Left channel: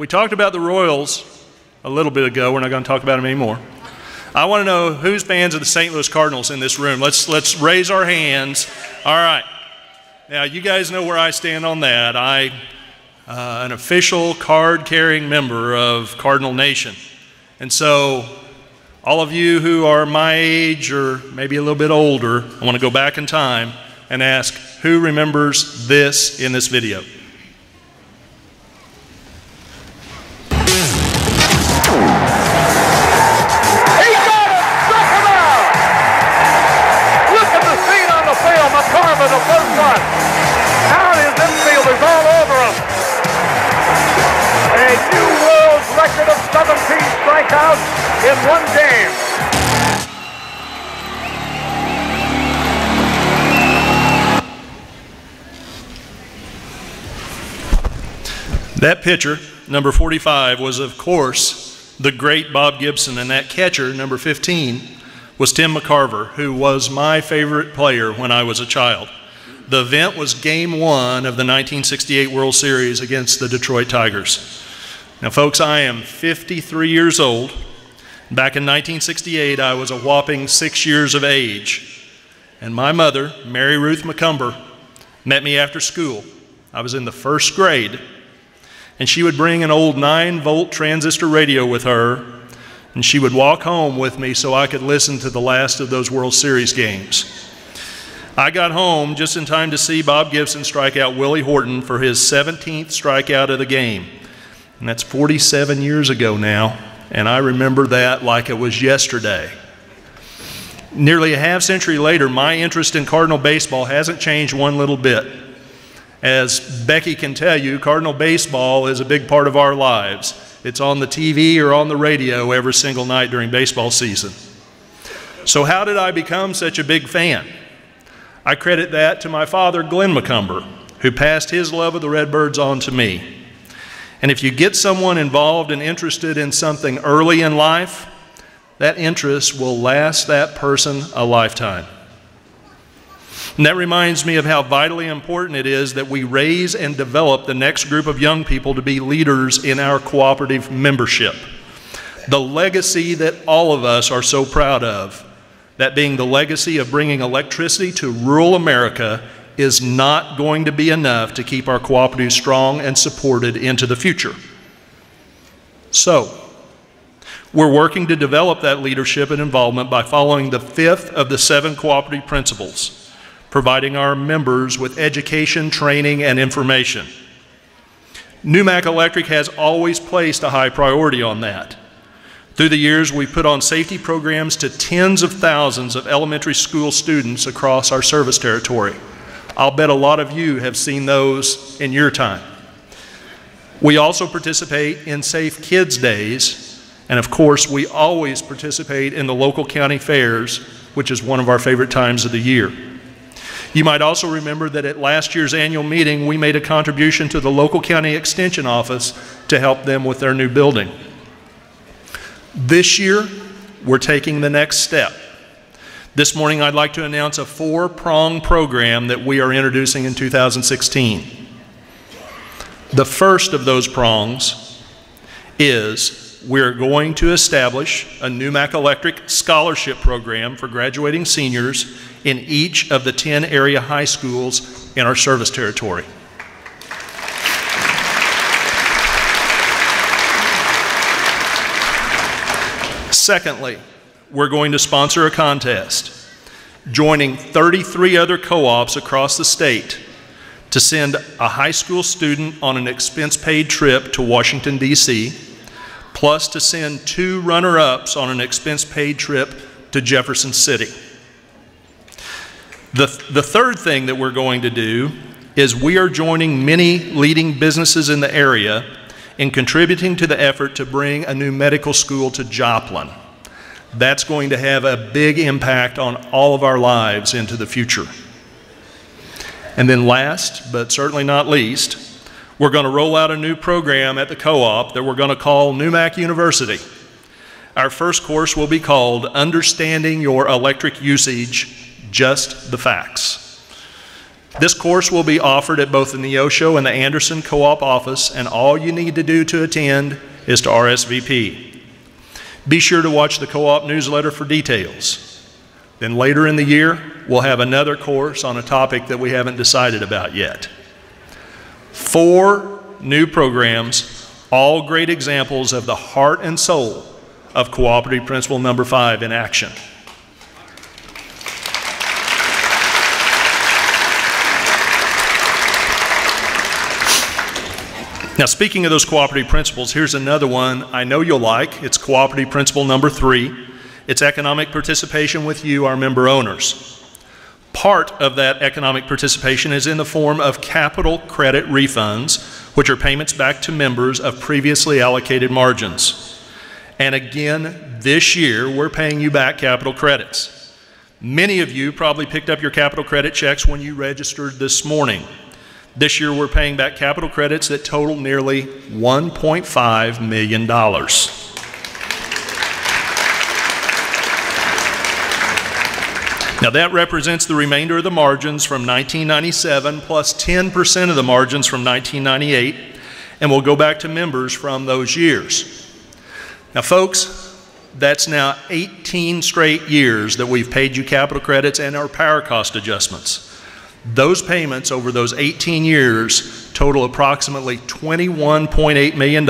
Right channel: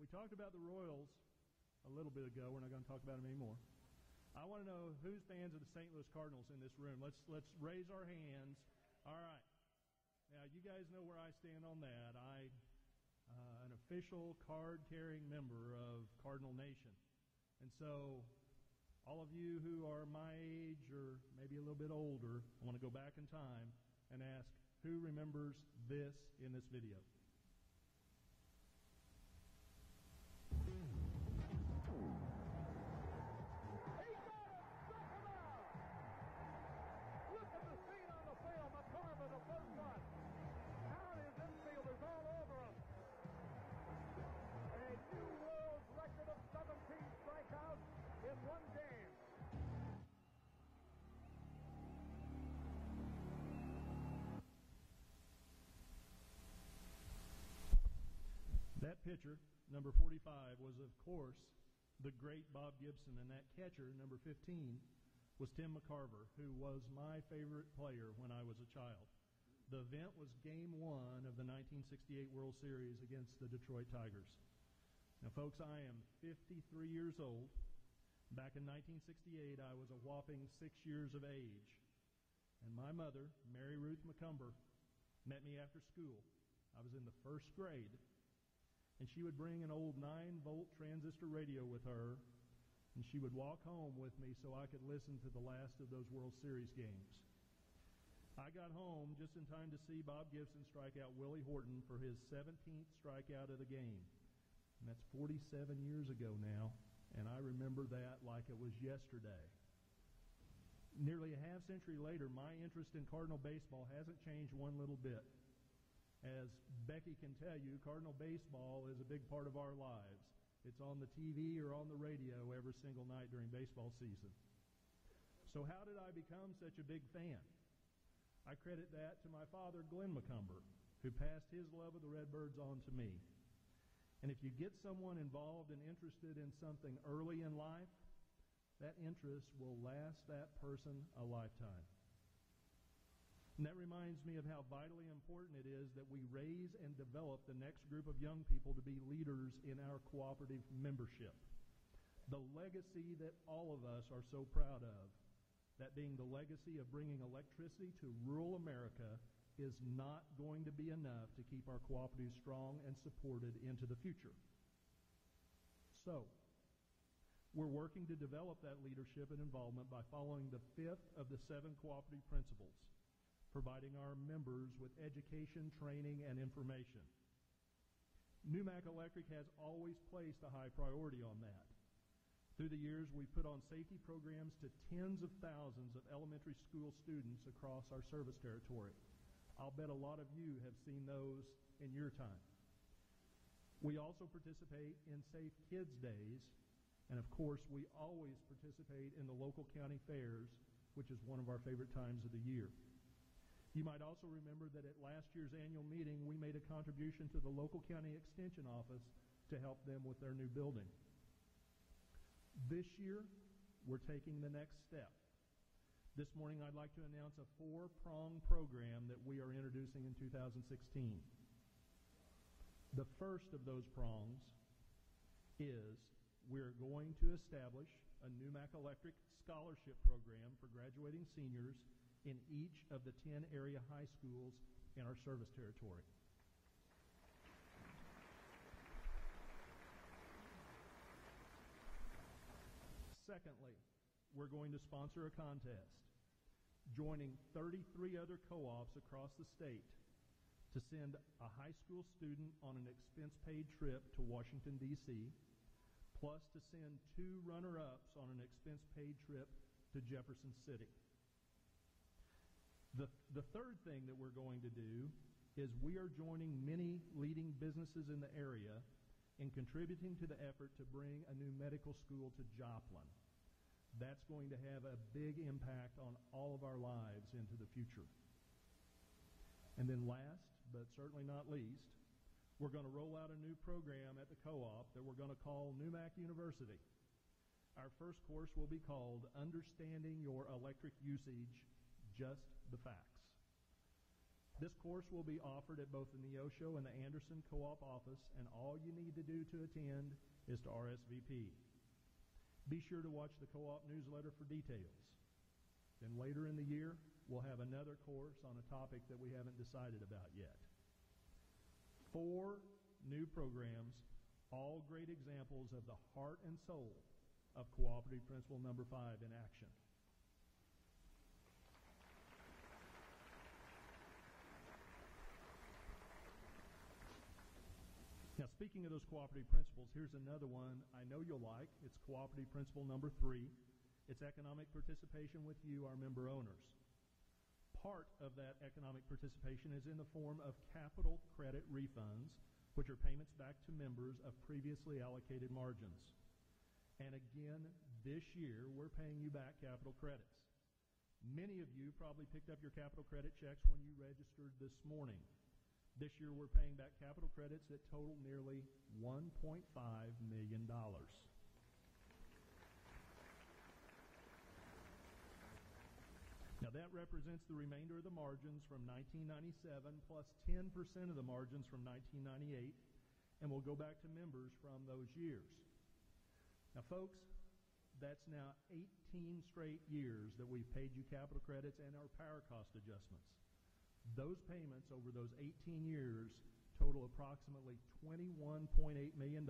we talked about the Royals a little bit ago. We're not going to talk about them anymore. I want to know who's fans of the St. Louis Cardinals in this room. Let's raise our hands. All right. Now, you guys know where I stand on that. I'm an official card-carrying member of Cardinal Nation. And so all of you who are my age or maybe a little bit older, I want to go back in time and ask, who remembers this in this video? Of 17 strikeouts in one game. That pitcher, number 45, was of course the great Bob Gibson, and that catcher, number 15, was Tim McCarver, who was my favorite player when I was a child. The event was Game 1 of the 1968 World Series against the Detroit Tigers. Now, folks, I am 53 years old. Back in 1968, I was a whopping 6 years of age. And my mother, Mary Ruth McCumber, met me after school. I was in the first grade. And she would bring an old 9-volt transistor radio with her, and she would walk home with me so I could listen to the last of those World Series games. I got home just in time to see Bob Gibson strike out Willie Horton for his 17th strikeout of the game. And that's 47 years ago now, and I remember that like it was yesterday. Nearly a half century later, my interest in Cardinal baseball hasn't changed one little bit. As Becky can tell you, Cardinal baseball is a big part of our lives. It's on the TV or on the radio every single night during baseball season. So how did I become such a big fan? I credit that to my father, Glenn McCumber, who passed his love of the Redbirds on to me. And if you get someone involved and interested in something early in life, that interest will last that person a lifetime. And that reminds me of how vitally important it is that we raise and develop the next group of young people to be leaders in our cooperative membership. The legacy that all of us are so proud of, that being the legacy of bringing electricity to rural America, is not going to be enough to keep our cooperative strong and supported into the future. So, we're working to develop that leadership and involvement by following the 5th of the 7 cooperative principles, providing our members with education, training, and information. NUMAC Electric has always placed a high priority on that. Through the years, we've put on safety programs to tens of thousands of elementary school students across our service territory. I'll bet a lot of you have seen those in your time. We also participate in Safe Kids Days, and of course, we always participate in the local county fairs, which is one of our favorite times of the year. You might also remember that at last year's annual meeting, we made a contribution to the local county extension office to help them with their new building. This year, we're taking the next step. This morning, I'd like to announce a 4-prong program that we are introducing in 2016. The first of those prongs is we're going to establish a NUMAC Electric scholarship program for graduating seniors in each of the 10 area high schools in our service territory. Secondly, we're going to sponsor a contest, joining 33 other co-ops across the state to send a high school student on an expense-paid trip to Washington, D.C., plus to send 2 runner-ups on an expense-paid trip to Jefferson City. The third thing that we're going to do is we are joining many leading businesses in the area in contributing to the effort to bring a new medical school to Joplin. That's going to have a big impact on all of our lives into the future. And then last, but certainly not least, we're going to roll out a new program at the co-op that we're going to call NUMAC University. Our first course will be called Understanding Your Electric Usage, Just the Facts. This course will be offered at both the Neosho and the Anderson Co-op office, and all you need to do to attend is to RSVP. Be sure to watch the co-op newsletter for details. Then later in the year, we'll have another course on a topic that we haven't decided about yet. 4 new programs, all great examples of the heart and soul of Cooperative Principle number 5 in action. Now, speaking of those cooperative principles, here's another one I know you'll like. It's Cooperative Principle number 3. It's economic participation with you, our member owners. Part of that economic participation is in the form of capital credit refunds, which are payments back to members of previously allocated margins. And again, this year, we're paying you back capital credits. Many of you probably picked up your capital credit checks when you registered this morning. This year, we're paying back capital credits that total nearly $1.5 million. Now, that represents the remainder of the margins from 1997 plus 10% of the margins from 1998, and we'll go back to members from those years. Now, folks, that's now 18 straight years that we've paid you capital credits and our power cost adjustments. Those payments over those 18 years total approximately $21.8 million,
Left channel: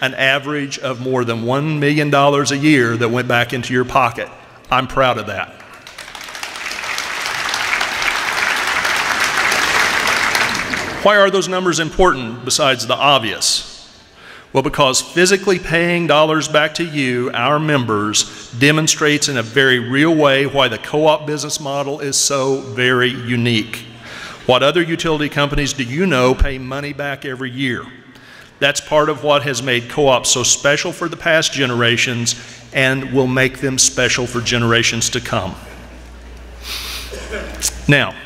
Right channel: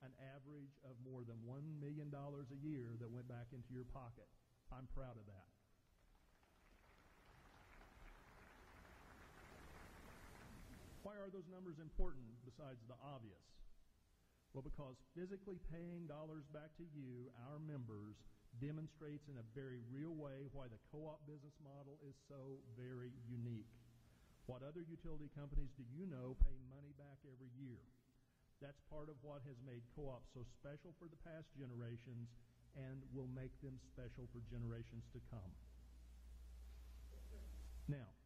an average of more than $1 million a year that went back into your pocket. I'm proud of that. Why are those numbers important besides the obvious? Well, because physically paying dollars back to you, our members, demonstrates in a very real way why the co-op business model is so very unique. What other utility companies do you know pay money back every year? That's part of what has made co-ops so special for the past generations and will make them special for generations to come. Now,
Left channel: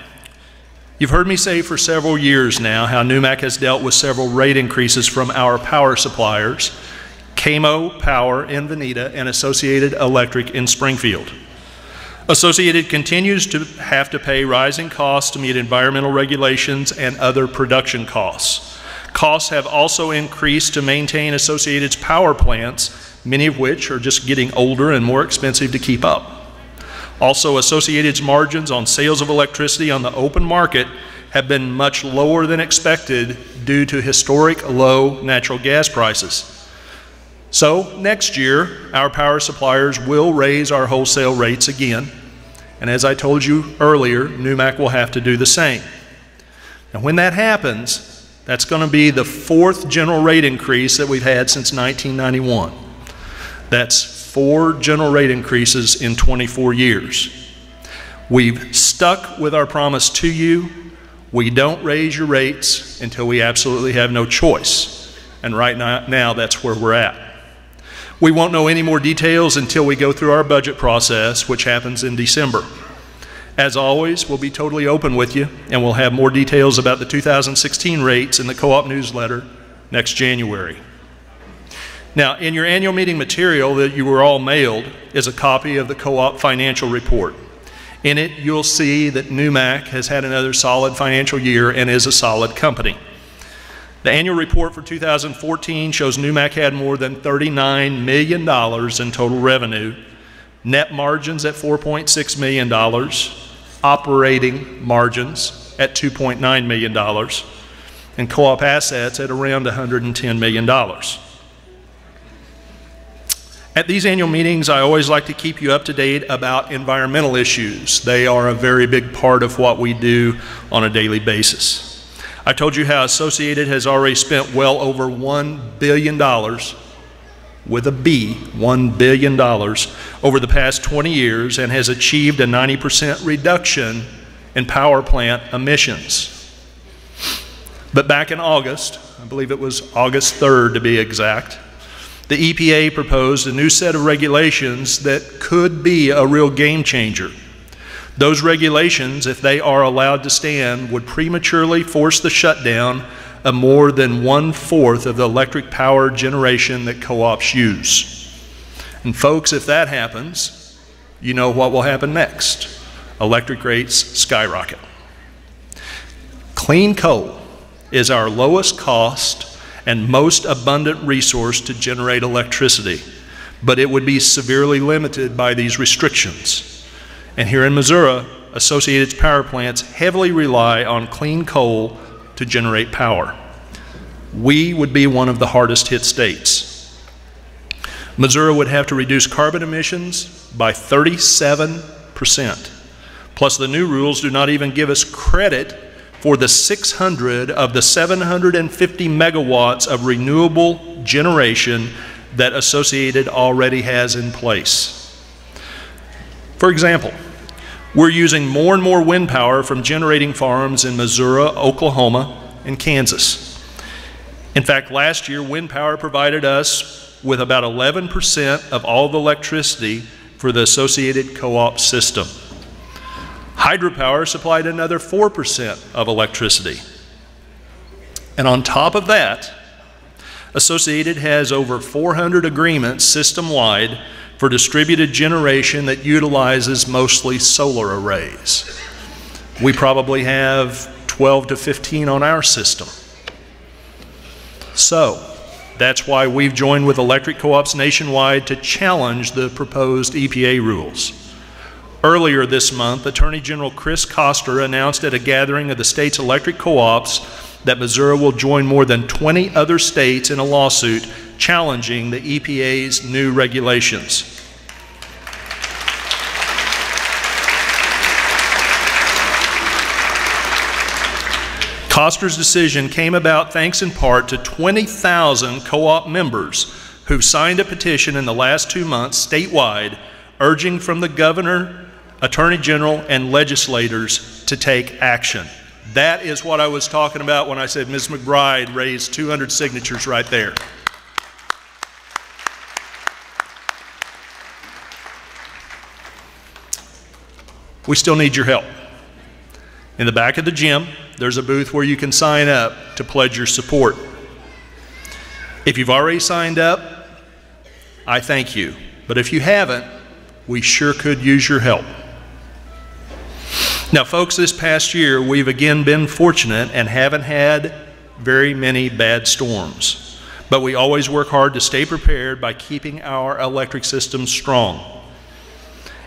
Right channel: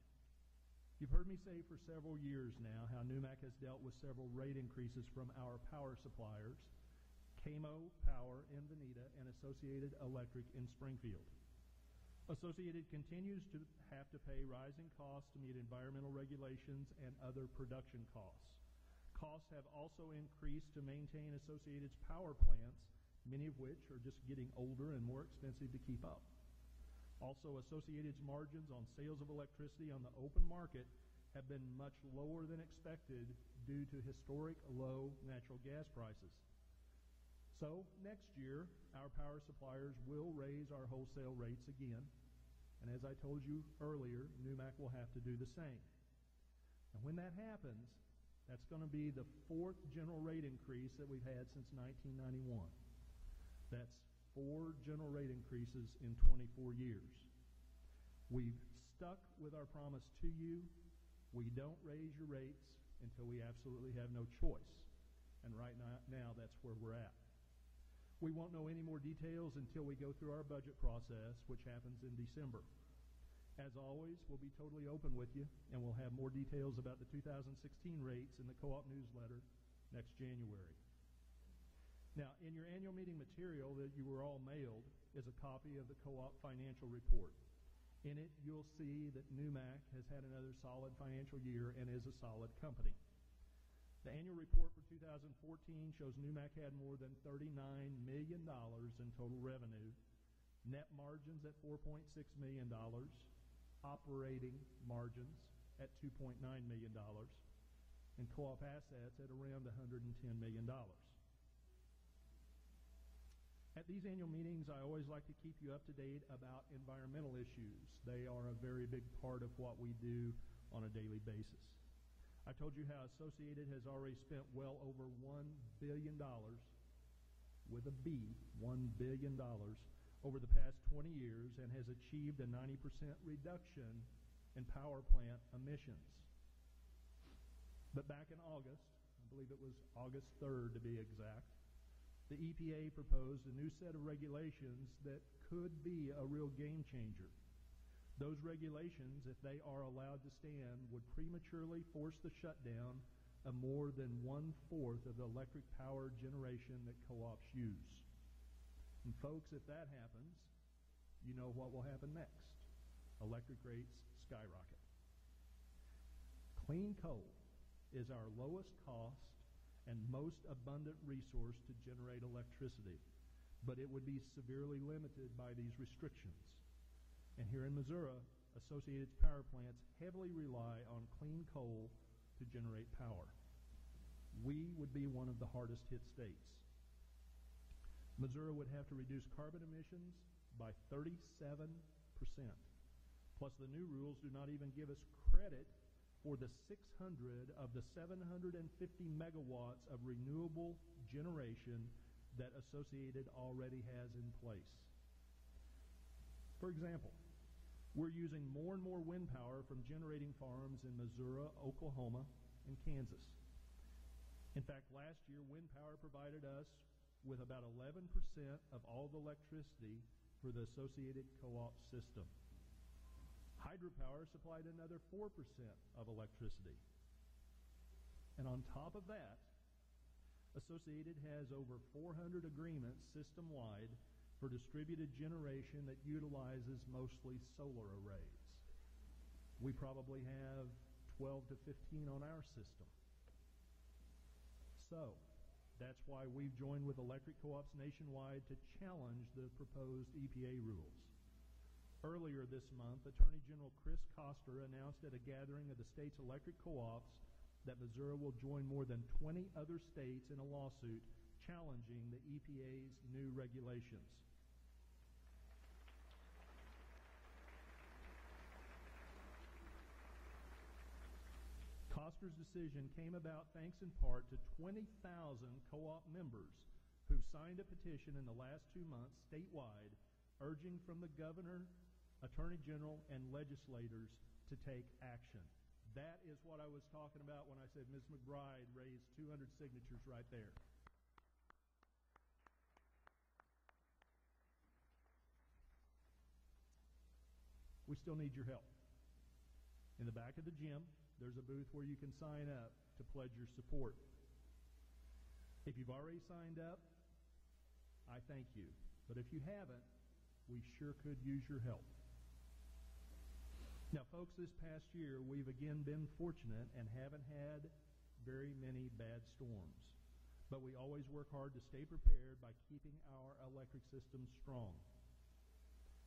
you've heard me say for several years now how NUMAC has dealt with several rate increases from our power suppliers, KMO Power in Veneta and Associated Electric in Springfield. Associated continues to have to pay rising costs to meet environmental regulations and other production costs. Costs have also increased to maintain Associated's power plants, many of which are just getting older and more expensive to keep up. Also, Associated's margins on sales of electricity on the open market have been much lower than expected due to historic low natural gas prices. So, next year, our power suppliers will raise our wholesale rates again. And as I told you earlier, NUMAC will have to do the same. Now, when that happens, that's going to be the 4th general rate increase that we've had since 1991. That's 4 general rate increases in 24 years. We've stuck with our promise to you. We don't raise your rates until we absolutely have no choice. And right now that's where we're at. We won't know any more details until we go through our budget process, which happens in December. As always, we'll be totally open with you, and we'll have more details about the 2016 rates in the co-op newsletter next January. Now, in your annual meeting material that you were all mailed is a copy of the co-op financial report. In it, you'll see that NUMAC has had another solid financial year and is a solid company. The annual report for 2014 shows NUMAC had more than $39 million in total revenue, net margins at $4.6 million, operating margins at $2.9 million, and co-op assets at around $110 million. At these annual meetings, I always like to keep you up to date about environmental issues. They are a very big part of what we do on a daily basis. I told you how Associated has already spent well over $1 billion, with a B, $1 billion, over the past 20 years and has achieved a 90% reduction in power plant emissions. But back in August, I believe it was August 3rd to be exact, the EPA proposed a new set of regulations that could be a real game changer. Those regulations, if they are allowed to stand, would prematurely force the shutdown of more than 1/4 of the electric power generation that co-ops use. And folks, if that happens, you know what will happen next. Electric rates skyrocket. Clean coal is our lowest cost and most abundant resource to generate electricity, but it would be severely limited by these restrictions. And here in Missouri, Associated's power plants heavily rely on clean coal to generate power. We would be one of the hardest hit states. Missouri would have to reduce carbon emissions by 37%. Plus, the new rules do not even give us credit for the 600 of the 750 megawatts of renewable generation that Associated already has in place. For example, we're using more and more wind power from generating farms in Missouri, Oklahoma, and Kansas. In fact, last year, wind power provided us with about 11% of all the electricity for the Associated co-op system. Hydropower supplied another 4% of electricity. And on top of that, Associated has over 400 agreements system-wide for distributed generation that utilizes mostly solar arrays. We probably have 12 to 15 on our system. So, that's why we've joined with electric co-ops nationwide to challenge the proposed EPA rules. Earlier this month, Attorney General Chris Koster announced at a gathering of the state's electric co-ops that Missouri will join more than 20 other states in a lawsuit challenging the EPA's new regulations. Koster's decision came about thanks in part to 20,000 co-op members who've signed a petition in the last 2 months statewide urging from the governor, attorney general, and legislators to take action. That is what I was talking about when I said Ms. McBride raised 200 signatures right there. We still need your help. In the back of the gym, there's a booth where you can sign up to pledge your support. If you've already signed up, I thank you. But if you haven't, we sure could use your help. Now, folks, this past year, we've again been fortunate and haven't had very many bad storms. But we always work hard to stay prepared by keeping our electric system strong.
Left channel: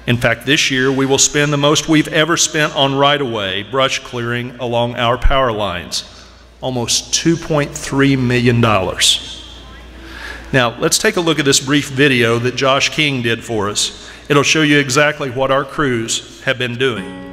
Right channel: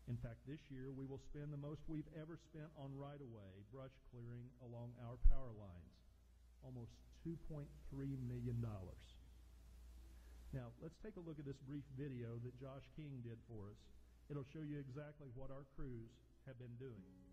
In fact, this year, we will spend the most we've ever spent on right-of-way brush clearing along our power lines, almost $2.3 million. Now, let's take a look at this brief video that Josh King did for us. It'll show you exactly what our crews have been doing.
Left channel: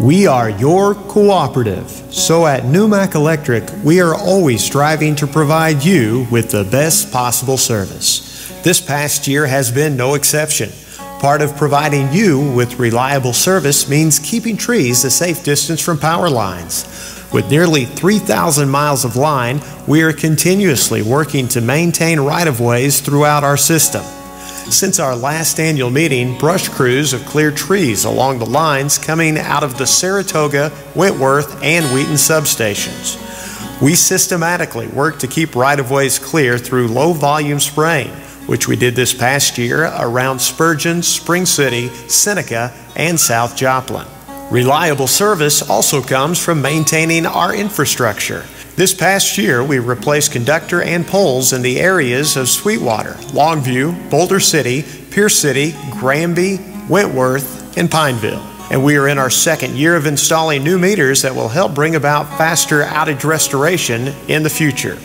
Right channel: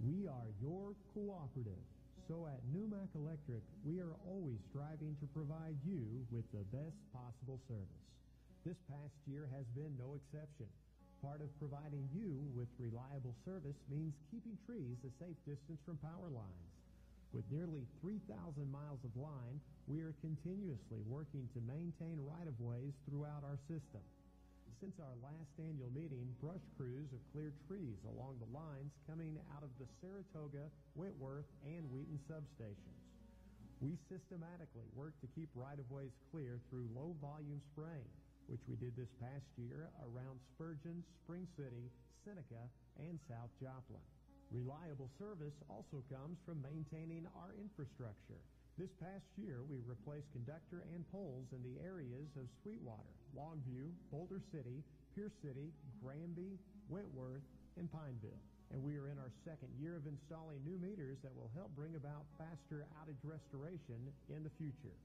We are your cooperative, so at NewMac Electric, we are always striving to provide you with the best possible service. This past year has been no exception. Part of providing you with reliable service means keeping trees a safe distance from power lines. With nearly 3,000 miles of line, we are continuously working to maintain right-of-ways throughout our system. Since our last annual meeting, brush crews have cleared trees along the lines coming out of the Saratoga, Wentworth, and Wheaton substations. We systematically work to keep right-of-ways clear through low-volume spraying, which we did this past year around Spurgeon, Spring City, Seneca, and South Joplin. Reliable service also comes from maintaining our infrastructure. This past year, we replaced conductor and poles in the areas of Sweetwater, Longview, Boulder City, Pierce City, Granby, Wentworth, and Pineville. And we are in our second year of installing new meters that will help bring about faster outage restoration in the future.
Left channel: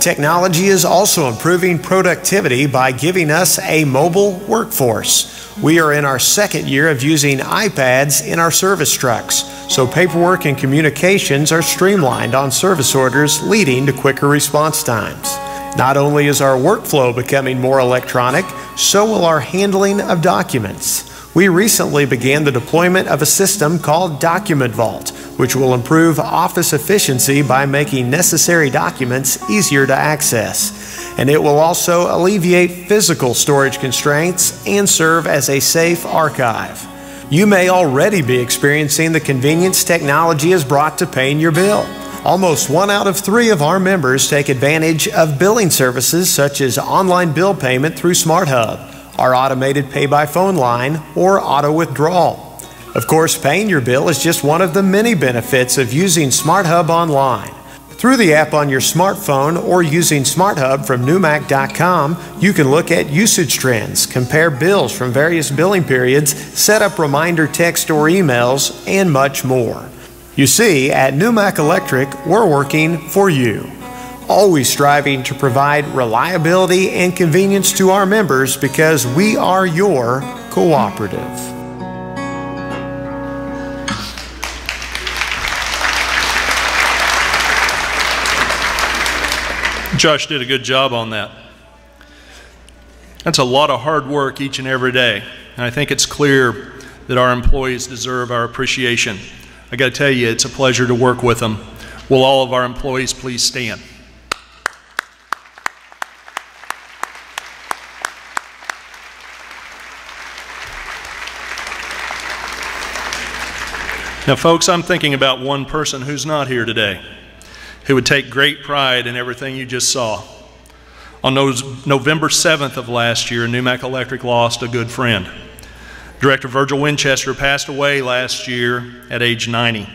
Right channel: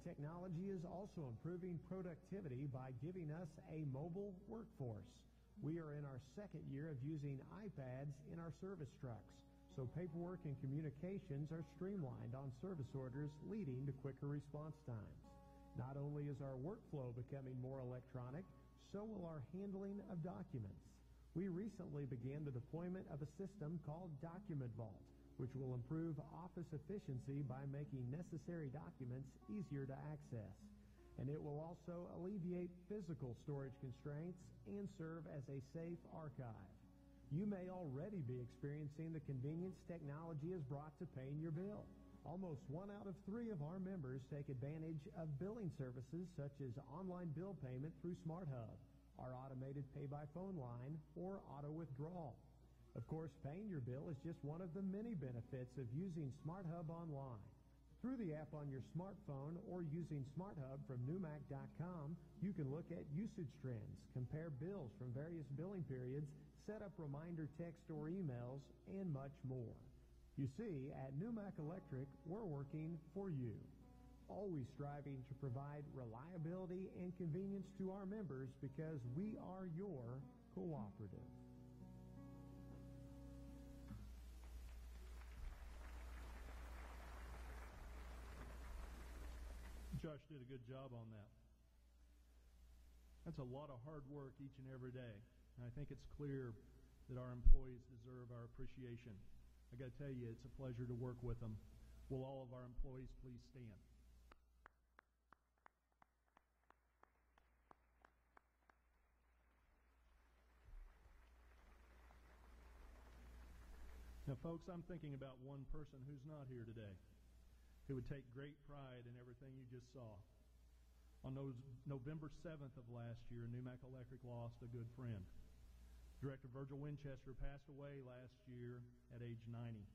Technology is also improving productivity by giving us a mobile workforce. We are in our second year of using iPads in our service trucks, so paperwork and communications are streamlined on service orders, leading to quicker response times. Not only is our workflow becoming more electronic, so will our handling of documents. We recently began the deployment of a system called Document Vault, which will improve office efficiency by making necessary documents easier to access. And it will also alleviate physical storage constraints and serve as a safe archive. You may already be experiencing the convenience technology has brought to paying your bill. Almost 1 out of 3 of our members take advantage of billing services such as online bill payment through SmartHub, our automated pay-by-phone line, or auto withdrawal. Of course, paying your bill is just one of the many benefits of using SmartHub online. Through the app on your smartphone or using SmartHub from NewMac.com, you can look at usage trends, compare bills from various billing periods, set up reminder text or emails, and much more. You see, at NewMac Electric, we're working for you, always striving to provide reliability and convenience to our members because we are your cooperative. Josh did a good job on that. That's a lot of hard work each and every day, and I think it's clear that our employees deserve our appreciation. I got to tell you, it's a pleasure to work with them. Will all of our employees please stand? Now, folks, I'm thinking about one person who's not here today, who would take great pride in everything you just saw. On November 7th of last year, NewMac Electric lost a good friend. Director Virgil Winchester passed away last year at age 90.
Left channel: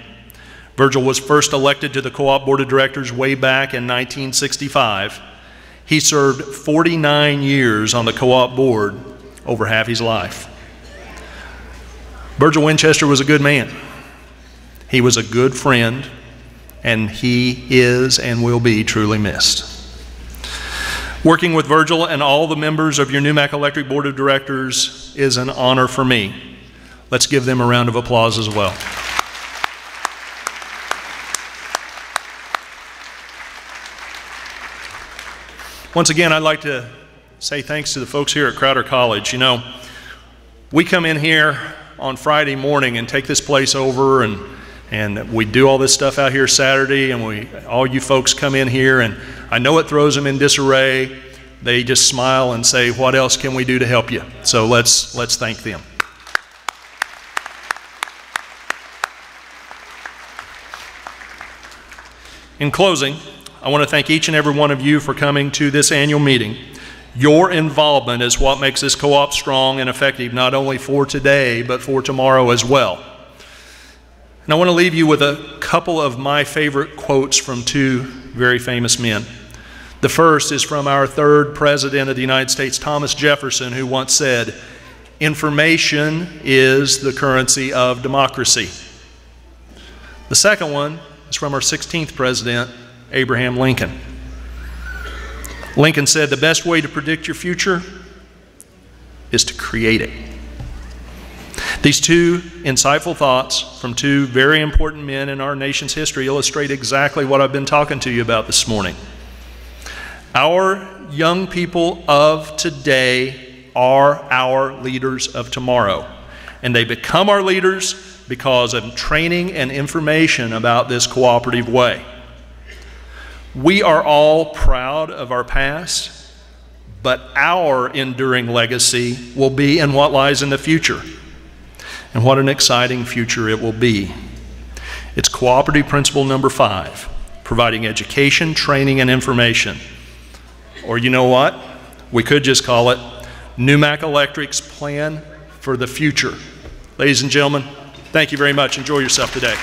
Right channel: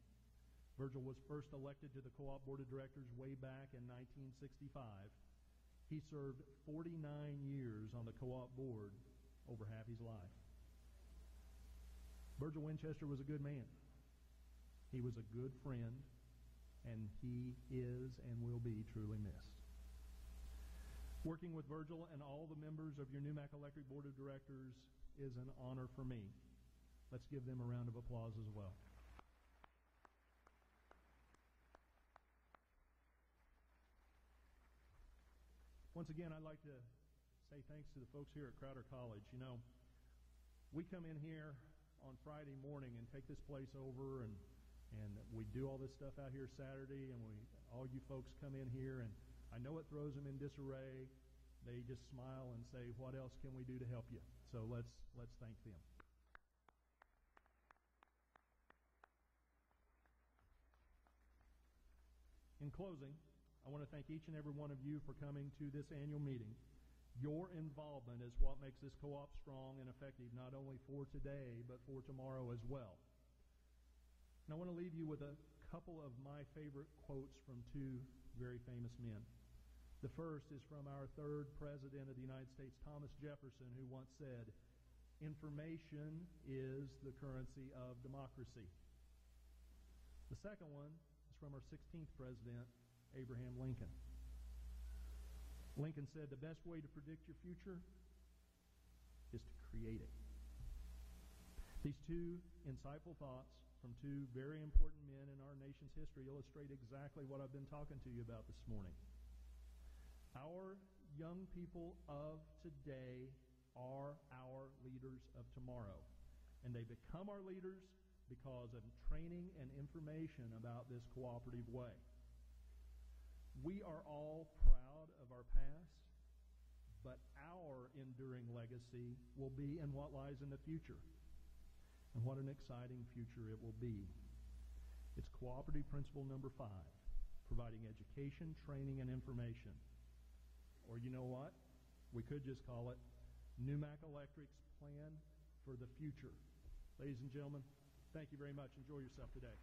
Virgil was first elected to the Co-op Board of Directors way back in 1965. He served 49 years on the Co-op Board, over half his life. Virgil Winchester was a good man. He was a good friend, and he is and will be truly missed. Working with Virgil and all the members of your NewMac Electric Board of Directors is an honor for me. Let's give them a round of applause as well. Once again, I'd like to say thanks to the folks here at Crowder College. You know, we come in here on Friday morning and take this place over, and we do all this stuff out here Saturday, and all you folks come in here, and I know it throws them in disarray. They just smile and say, what else can we do to help you? So let's thank them. In closing, I want to thank each and every one of you for coming to this annual meeting. Your involvement is what makes this co-op strong and effective, not only for today, but for tomorrow as well. And I want to leave you with a couple of my favorite quotes from two very famous men. The first is from our third President of the United States, Thomas Jefferson, who once said, "Information is the currency of democracy." The second one is from our 16th President, Abraham Lincoln. Lincoln said, "The best way to predict your future is to create it." These two insightful thoughts from two very important men in our nation's history illustrate exactly what I've been talking to you about this morning. Our young people of today are our leaders of tomorrow, and they become our leaders because of training and information about this cooperative way. We are all proud of our past, but our enduring legacy will be in what lies in the future. And what an exciting future it will be. It's cooperative principle number 5, providing education, training, and information. Or you know what? We could just call it NewMac Electric's plan for the future. Ladies and gentlemen, thank you very much. Enjoy yourself today.